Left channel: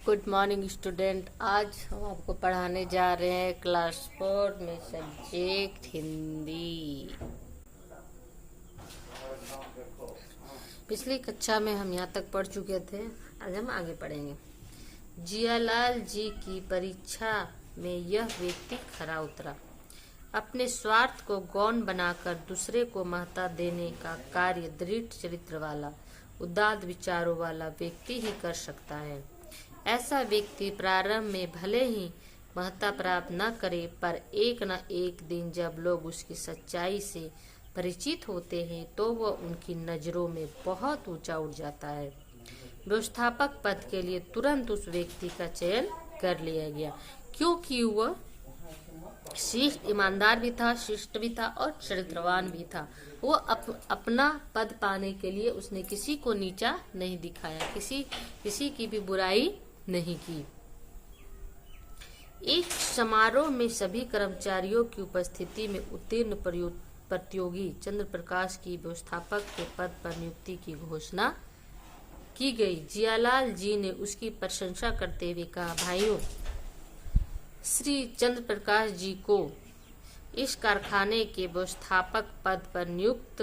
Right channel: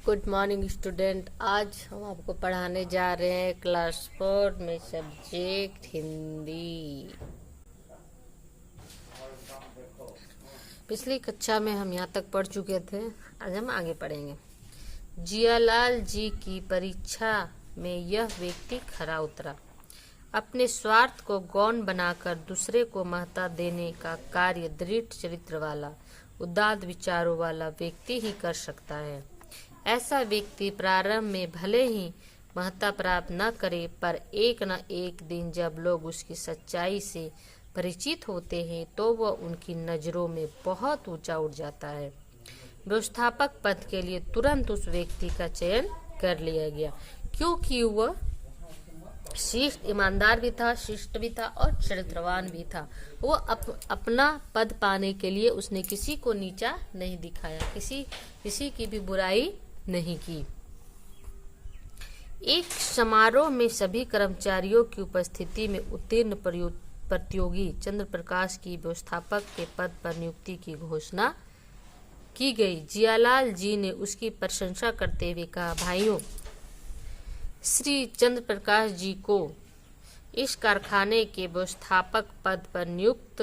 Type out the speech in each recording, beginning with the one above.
Good morning student. आज हम आपको पढ़ाने जा रहे हैं क्लास 4 में सब्जेक्ट हिंदी। पिछली कक्षा में हम यहाँ तक पढ़ चुके थे, आज हम आगे पढ़ेंगे। जियालाल जी की परीक्षा में यह व्यक्ति खरा उतरा। अपने स्वार्थ को गौण बनाकर दूसरे को महत्ता देने का कार्य दृढ़ चरित्र वाला, उदात्त विचारों वाला व्यक्ति ही कर सकता है। ऐसा व्यक्ति प्रारंभ में भले ही महत्ता प्राप्त न करे, पर एक न एक दिन जब लोग उसकी सच्चाई से परिचित होते हैं तो वह उनकी नजरों में बहुत ऊंचा उठ जाता है। व्यवस्थापक पद के लिए तुरंत उस व्यक्ति का चयन कर लिया गया, क्योंकि वह शिष्ट ईमानदार भी था, शिष्ट भी था और चरित्रवान भी था। वो अपना पद पाने के लिए उसने किसी को नीचा नहीं दिखाया, किसी की भी बुराई नहीं की। एक समारोह में सभी कर्मचारियों की उपस्थिति में उत्तीर्ण प्रतियोगी चंद्र प्रकाश की व्यवस्थापक के पद पर नियुक्ति की घोषणा की गई। जियालाल जी ने उसकी प्रशंसा करते हुए कहा, भाइयों, श्री चंद्र प्रकाश जी को इस कारखाने के व्यवस्थापक पद पर नियुक्त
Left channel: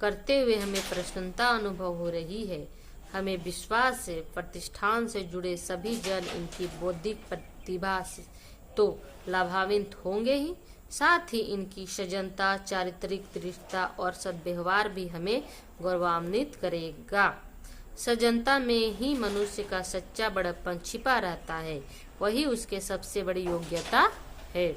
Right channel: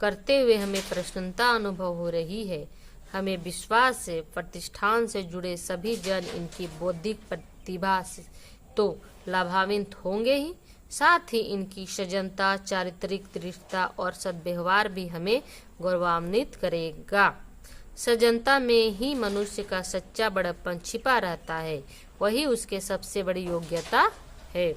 करते हुए हमें प्रसन्नता अनुभव हो रही है। हमें विश्वास है प्रतिष्ठान से जुड़े सभी जन इनकी बौद्धिक प्रतिभा से तो लाभान्वित होंगे ही, साथ ही इनकी सज्जनता, चारित्रिक दृढ़ता और सद्व्यवहार भी हमें गौरवान्वित करेगा। सज्जनता में ही मनुष्य का सच्चा बड़प्पन छिपा रहता है, वही उसके सबसे बड़ी योग्यता है।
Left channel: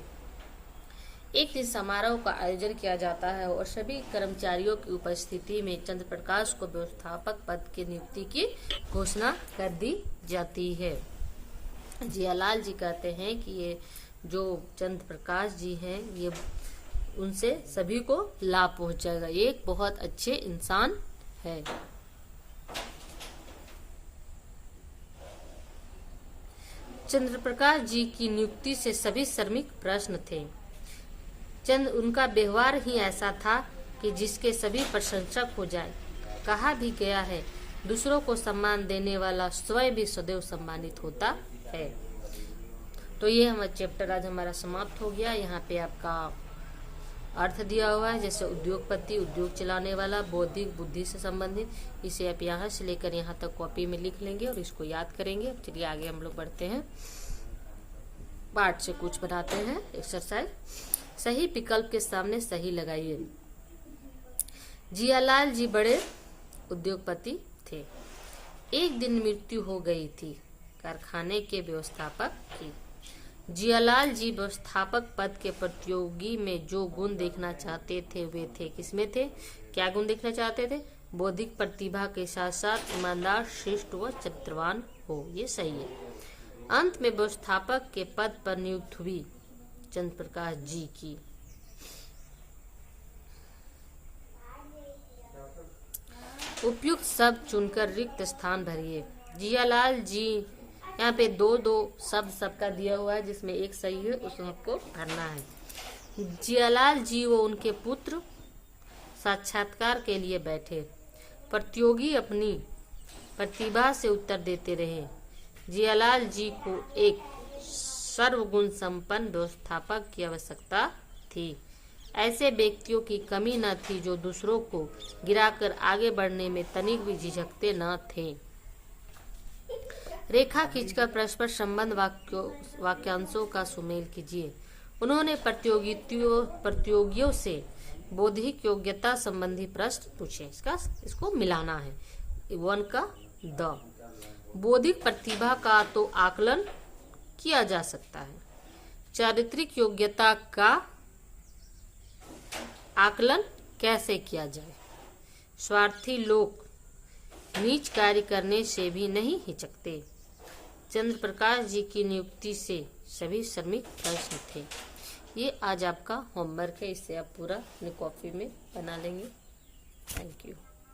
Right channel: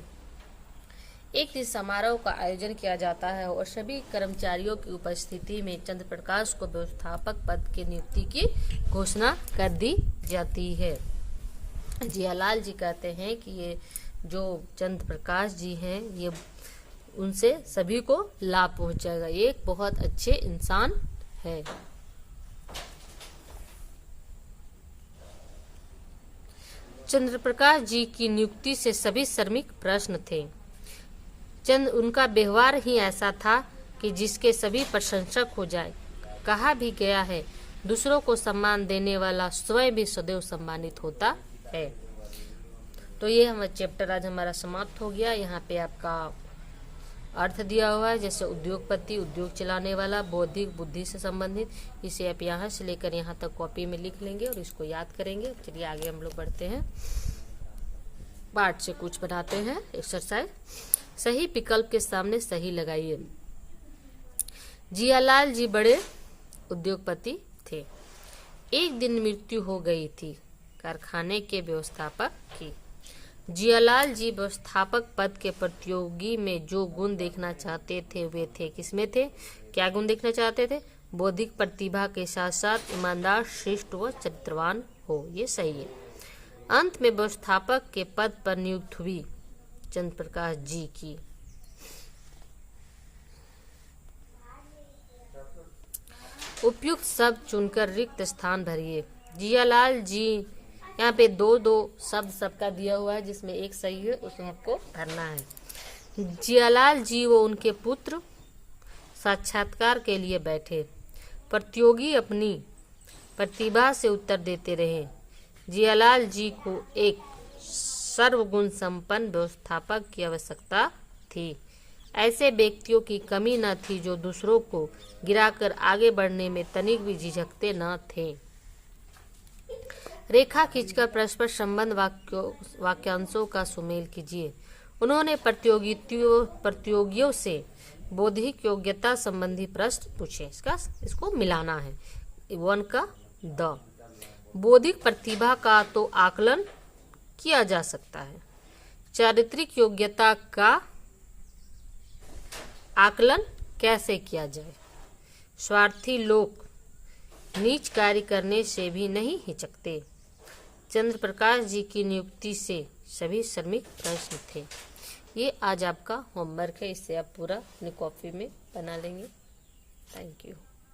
एक दिन समारोह का आयोजन किया जाता है और सभी कर्मचारियों की उपस्थिति में चंद्र प्रकाश को व्यवस्थापक पद की नियुक्ति की घोषणा कर दी जाती है। जियालाल जी कहते हैं कि ये जो चंद्र प्रकाश जी हैं, ये उनसे सभी को लाभ पहुंचाएगा। ये एक बहुत अच्छे इंसान है। चंद्र प्रकाश जी की नियुक्ति से सभी श्रमिक प्रसन्न थे। उनका व्यवहार ही ऐसा था कि जिसके सभी प्रशंसक हो जाए। कहा भी गया है, दूसरों को सम्मान देने वाला स्वयं भी सदैव सम्मानित होता है। तो ये हमारा चैप्टर आज हमारा समाप्त हो गया। यहाँ पे आपका अर्थ दिया हुआ है, जैसे उद्योगपति, उद्योग चलाने वाला, बौद्धिक बुद्धि से संबंधित। इसे आप यहाँ से लेकर यहाँ तक कॉपी में लिख लेंगे और इसको याद करेंगे। चलिए आगे हम लोग बढ़ते हैं, पाठ से कुछ बनाते हैं एक्सरसाइज। सही विकल्प के सामने सही लगाइए। जियालाल जी बड़े उद्योगपति थे। एक दिन मृत्यु हो गई थी कारखाने के व्यवस्थापक की। जियालाल जी व्यवस्थापक पद के प्रतियोगी में जो गुण देखना चाहते थे वे थे, किसमें थे, क्या गुण देखना चाहते थे? बौद्धिक प्रतिभा के साथ साथ ईमानदार, शिष्ट व चरित्रवान हो। ये सही है। अंत में व्यवस्थापक के पद पर नियुक्त हुई चंद्र प्रकाश जी की। उपयुक्त शब्द चुनकर रिक्त स्थान भरिए। जियालाल जी, यहाँ पे दो शब्द सबका दिया हुआ है, जिसमें एक सही है, उसमें आपको भरना है। जियालाल जी व उनके पुत्र साक्षात्कार के लिए बैठे। प्रतियोगी अपनी प्रतिभा से उत्तर देते रहे। जियालाल जी को एक सर्वगुण संपन्न व्यवस्थापक की आवश्यकता थी। ऐसे व्यक्तियों की कमी न थी जो दूसरों को गिराकर आगे बढ़ने में तनिक भी झिझकते न थे। रेखा खींचकर परस्पर संबंध वाक्यांशों का सुमेल कीजिए। उन्होंने प्रतियोगियों से बौद्धिक योग्यता संबंधी प्रश्न पूछे। इसको मिलाना है। 1 का द। बौद्धिक प्रतिभा का तो आकलन किया जा सकता है, चारित्रिक योग्यता का आकलन कैसे किया जाए? स्वार्थी लोग नीच कार्य करने से भी नहीं हिचकते। चंद्र प्रकाश जी की नियुक्ति से सभी श्रमिक प्रसन्न थे। ये आज आपका होमवर्क है, इससे आप पूरा अपनी कॉपी में बना लेंगे। Thank you.